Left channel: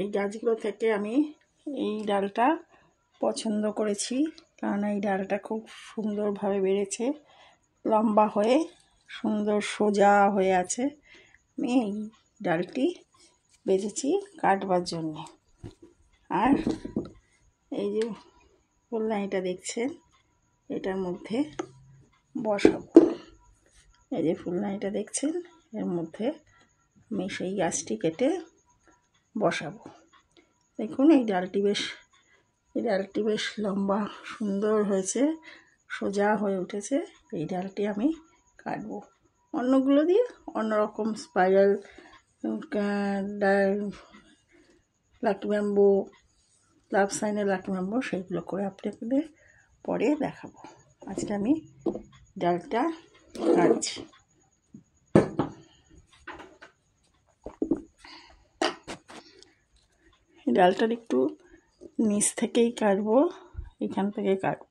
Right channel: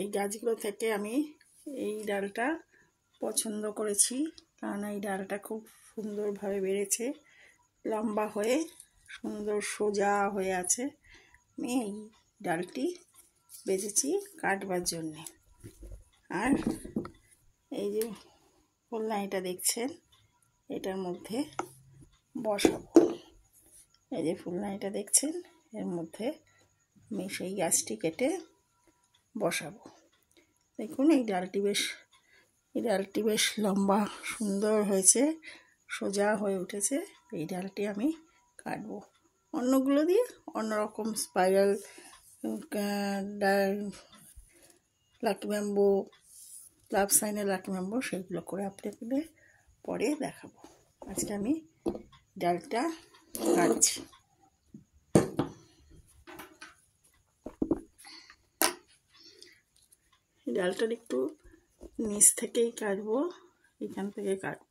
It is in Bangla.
এই গাছগুলো থেকে আমি এই ডালটা পছন্দ করেছি, কারণ এই ডালটা খুব সুন্দরভাবে বেড়েছে, লম্বা হয়ে সুন্দর সোজা হয়ে আছে। আমি এই ডালটি বেছেছি কাটবার জন্যে। আর এই যে ফুলদানিটা দেখছেন, এটার মধ্যে বসাবো। এই যে ফুলদানিটা দেখছেন, এর মধ্যে আমি সেই গাছটি কেটে বসাবো। দেখুন এই ডালটি বেশ লম্বা সুন্দর হয়েছে, সোজা হয়ে উঠেছে। এই ডালটি আমি কাটবো। অন্যগুলো দিয়ে অন্যরকম স্পাইরাল লাকি ব্যাম্বু, লাভ সাইনের লাকি ব্যাম্বু, সেগুলো করে আপনাদের পরে দেখাবো। আজকে আমি ডালটা কাটছি। ডালটার একটু নিচ থেকেই কাটবো, এখান থেকে কাটবো।